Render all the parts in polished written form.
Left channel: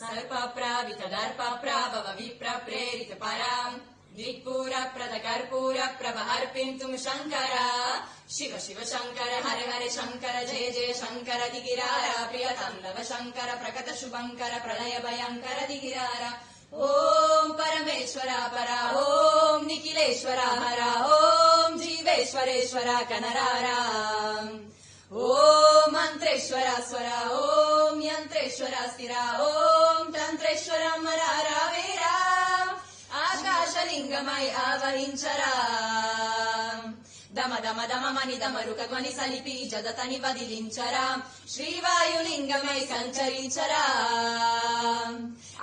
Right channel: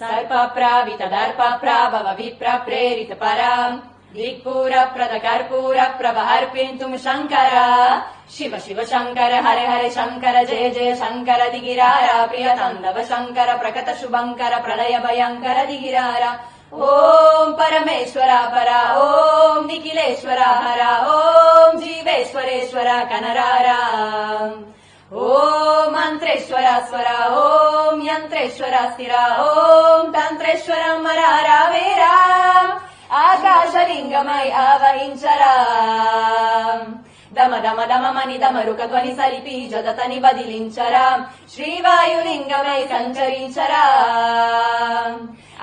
सर्पप्रावित दर्पप्राभव विप्रप्रेरित परा दिक्पूर प्रद कर्पूर प्रभ अर्पिन्तुं शङ्कर शिव शिव शङ्कर हरे हरे शङ्कर जय जय शङ्कर दिगिरारा प्रिय ताण्डव शङ्कर प्रकट शुभङ्कर प्रलय भयङ्कर दिगिरारा ॐ परमेश्वर परा ॐ निखिलेश्वर हरा ॐ जीवेश्वरेश्वर कनरारा ॐ मन्त्रेश्वर स्वर ॐ यन्त्रेश्वर स्थिर ॐ तन्त्रेश्वर मरारा वेरा आकाशलिङ्गमय आवहिंचरा दम दम दम मनि दमरुक ध्वनि सलिपि जदतनि बदिलिंचरा श्रीवायुलिङ्गमय सञ्चరించరా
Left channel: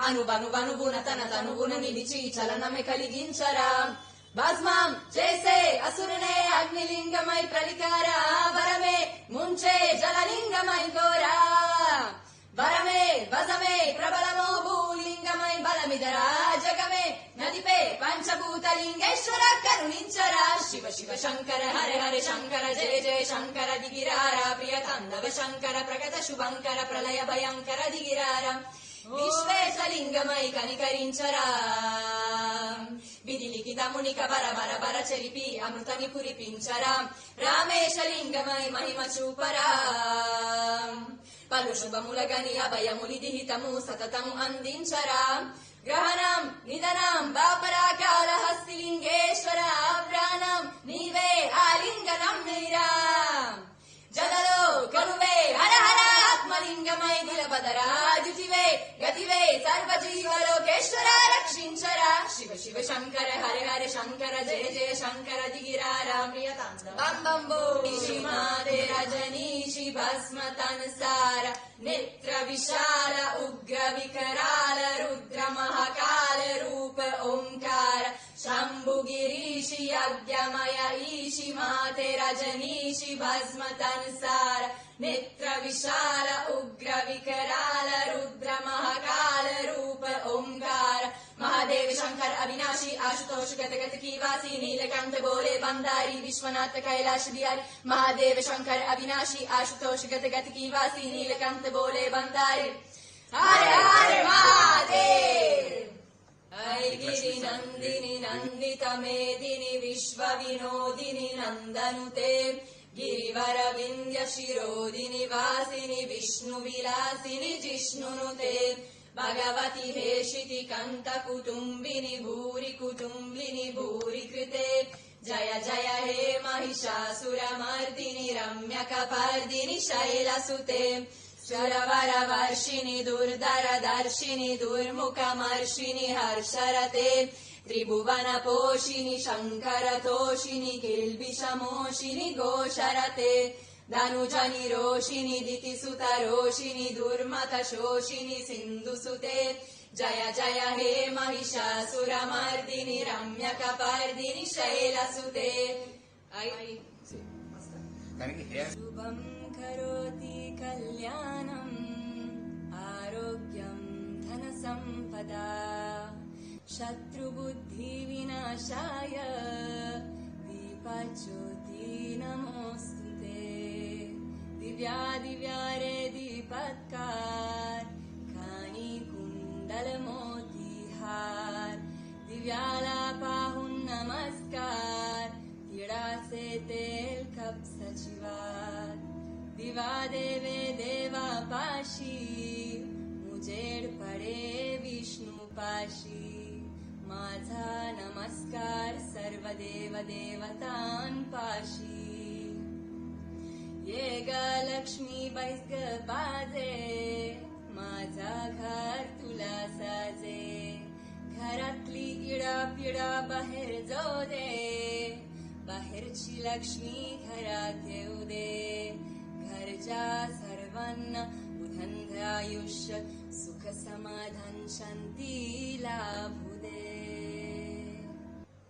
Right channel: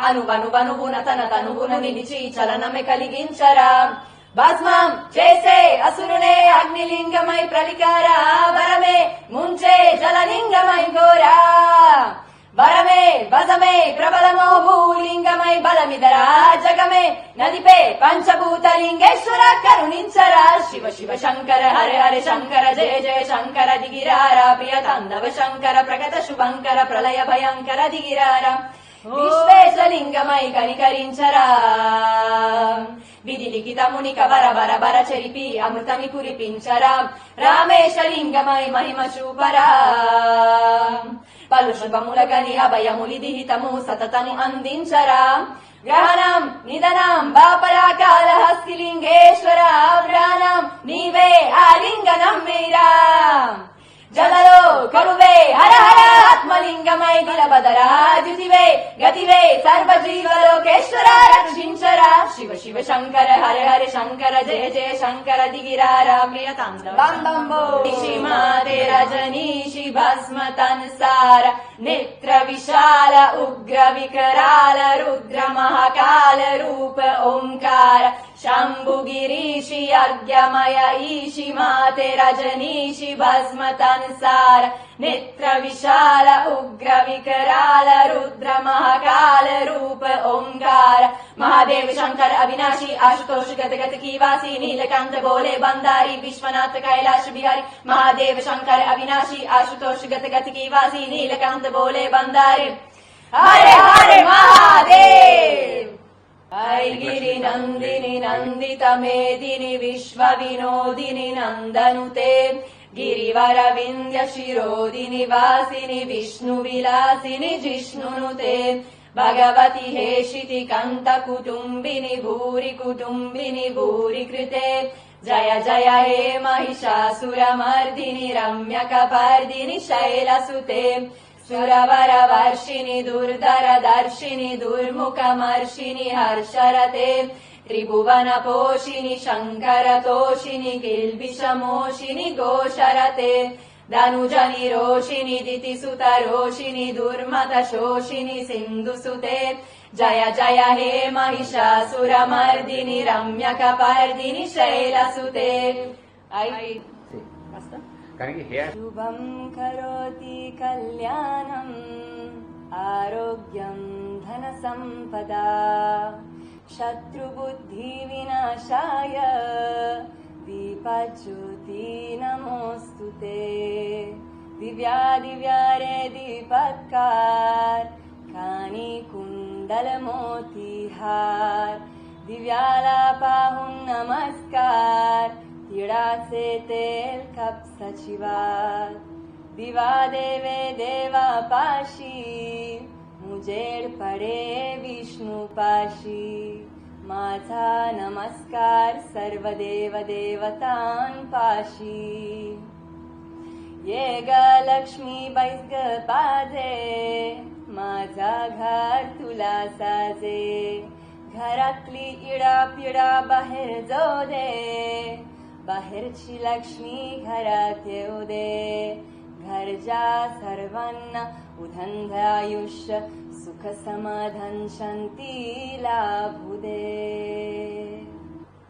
అనువనువనువున తన తనువున నిలిచి చలనమే కలిగించరా భస్మం చేసే అసురునే అగ్నిలింగమై ప్రవికారా వరమే ముంచే జలలింగమై ఘోరా వరమే వజమే ప్రబలమో భూలింగమై బలమిదరా జగమే నదిపే పంచభూతలింగేశ్వర కరుణించరా శివ శివ శంకర హరే హరే శంకర జయ జయ శంకర దిగిరారా ప్రియ తాండవ శంకర ప్రకట శుభంకర ప్రళయ భయంకర దిగిరారా విశ్వేశలింగమై కనికరించరా విధి లిఖితముని కవర బర బర చెరిపి అమృతమి కురిపించరా రామేశలింగమై మహిమ చూపరా పలు శుభములగని అభయములి దిహితము సతతము అందించరా గ్రహణం నిధనం బాపరా కాళహస్తిలింగేశ్వర ప్రాణం నీవే ఆలింగనం మీరా జలలో కరువే హర హర ఆత్మలింగమై నిలబదరా జిజివే గతివే సర్వజీవలోకేశ్వర రక్షించరా శివ శివ శంకర హర హర శంకర జయ జయ శంకర దిగిరారా ప్రియ తాండవ బం బం బో మాతే రజనీషి భస్మ తన్సార నేత్ర విశాల ఉగ్ర వికరాల రుద్ర మహాకాల రూప ఓంకార शंभु गिरीशि अर्घ्यमय ईशि माते रजनीशि भस्म तन्सार नेत्र विशाल उग्र विकराल रुद्र महाकाल रूप ओंकार महादेव शंकर अविनाशी आशुतोष गत गत की वासी नीलकंठ बोले बंदारी विश्वनाथ कैलाश बिहारी महादेव शंकर अविनाशी आशुतोष गत गत की वासी नीलकंठ बोले बंदारी हरे हरे महादेव ऐगिरि नन्दिनि नन्दित मेदिनि विश्व विनोदिनि नन्दनुते गिरिवर विन्ध्य शिरोदिनि वासिनि विष्णु विलासिनि जिष्णुनुते भगवति हेशिति कन्त कुटुम्बिनि भूरि कुटुम्बिनि भूरि कृते जय जय हे महिषासुरमर्दिनि रम्यकपर्दिनि शैलसुते सुरवर वर्षिणि दुर्धर दर्शिनि दुर्मुखमर्षिणि हर्षरते त्रिभुवन पोषिणि शङ्कर तोषिणि किल्बिषमोषिणि घोषरते धनुजनि रोषिणि दितिसुत रोषिणि दुर्मत शोषिणि सिन्धुसुते जय जय हे महिषासुरमर्दिनि रम्यकपर्दिनि शैलसुते शुभं करोति कल्याणम् आरोग्यं धनसम्पदा शत्रुबुद्धिविनाशाय दीपज्योति नमोऽस्तुते दिव्या दिव्यारे दीपत्कार कानि कुण्डलमोतिहार दिव्यालापाहुं नमस्कार तिड़ा से तेल कप सचिवार दिवा देवे देवा पाशी मुजेड पडे विष्णु पाशी माझा नमस्कार सर्व देव देवतां पाशी ये ग लक्ष्मी बैस ग बाजे माझा घर तुला साजे घरातली इडा पिडा बाहेर जाऊ दे बाहेरची लक्ष्मी घरात येऊ दे घरच्या सर्वांना उदंड आयुष्य सुख समाधान शांती लाभू दे।